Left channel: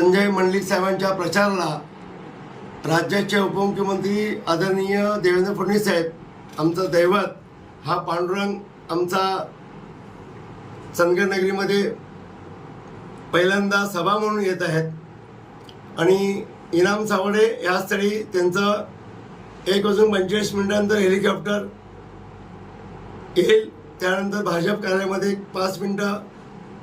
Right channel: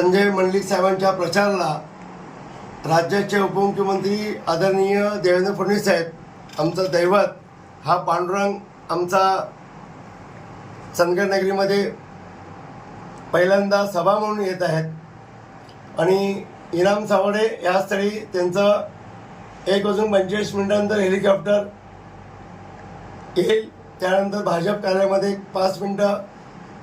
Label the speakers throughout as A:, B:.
A: संजय मंडलिक साहेबांच्या प्रचाराला राज्याचे उपमुख्यमंत्री आदरणीय देवेंद्र फडणवीस साहेब आमचं दैवत हा पांडुरंग आमचा चंदगडनगरीमध्ये पहिल्यांदा सभा म्हणून येत आहेत. आणि इनाम सावडे या स्थळी त्यांचं एक वाजून पंचवीस मिनिटानंतर हेलिकॉप्टर येईल. त्यानंतर भाजप कार्यालयामध्ये पाच मिनटं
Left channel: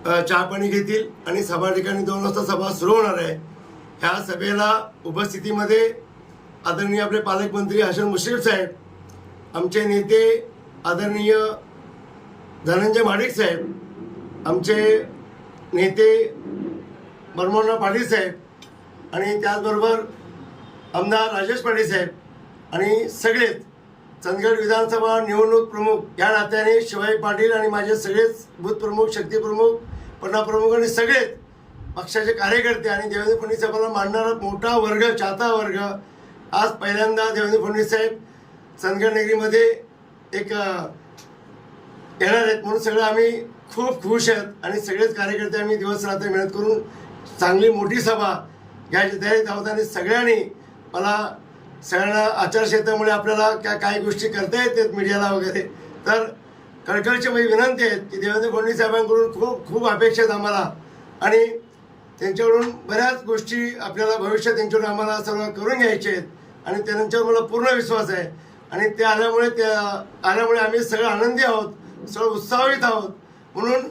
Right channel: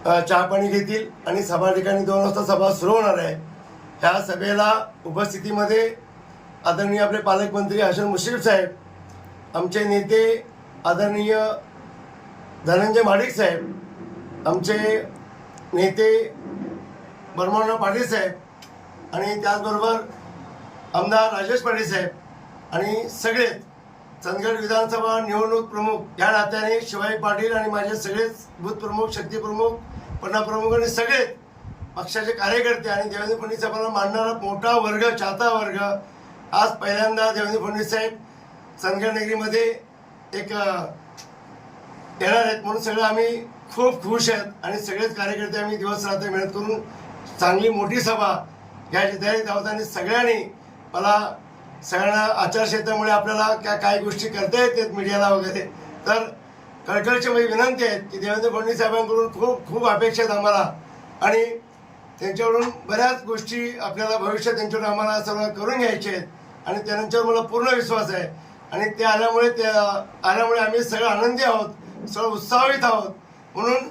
A: चहापाणी घेतील आणि सभा ठिकाणी दोन वाजता सभा सुरू होणार आहे. ह्या सभेला उपस्थितीमध्ये आदरणीय आपले पालकमंत्री हसन मुश्रीफ साहेब आमचे नेते आदरणीय धनंजय माडिक साहेब आमचे नेते बर्मोना पाटील साहेब आणि त्याचबरोबर आमदार राजेश पाटील साहेब आणि सगळेच चंदगड विधानसभा निवडणूक प्रमुख या नात्याने शिवाजी पाटील आणि माझे सगळेच बूथ प्रमुख शक्ती प्रमुख पन्ना प्रमुख आणि सगळेच पक्षाचे कार्यकर्ते आणि देवेंद्र फडणवीस साहेबांना मानणारा मोठा वर्ग चाहता वर्ग आज पहिल्यांदा देवेंद्र फडणवीस साहेब चंदगड एक येणार आहेत. म्हणून सगळं आम्ही खूप खुश आहेत आणि सगळेच कार्यकर्ते आम्ही दिवस रात्र मेहनत करून चांगली मोठी सभा घ्यायची तयारीत आहोत आणि सगळ्यांनी मला सगळ्यांना आचारसंहितेमुळे आपल्याला क्या काय गोष्टी करता येतात मीडियाला वगैरे तर कळकळची माझी विनंती आहे की देवेंद्र फडणवीस साहेबांकडून खूप खूप अपेक्षा आहेत आम्हाला. आणि त्यांच्याकडून बऱ्याच गोष्टी आपल्याला भविष्यात त्यांच्याकडून आम्हाला सर्व करून घ्यायचे आहेत. आणि त्यांच्यावर मला पूर्ण विश्वास आहे. आणि ते आल्यामुळे त्या आल्यामुळे आम्ही सगळं आनंदी आहोत सगळं उत्साहित आहोत. म्हणून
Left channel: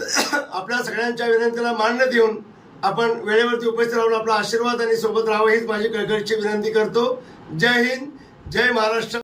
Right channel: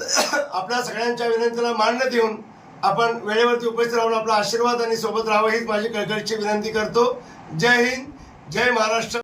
A: आपल्या सगळ्यांच्या विनंतीला मान्य देऊन आपण वेळेवरती उपस्थित राहून आपला आशीर्वाद आणि सोबत राहावं हीच माझी कळकळीची विनंती करतो. जय हिंद जय महाराष्ट्र.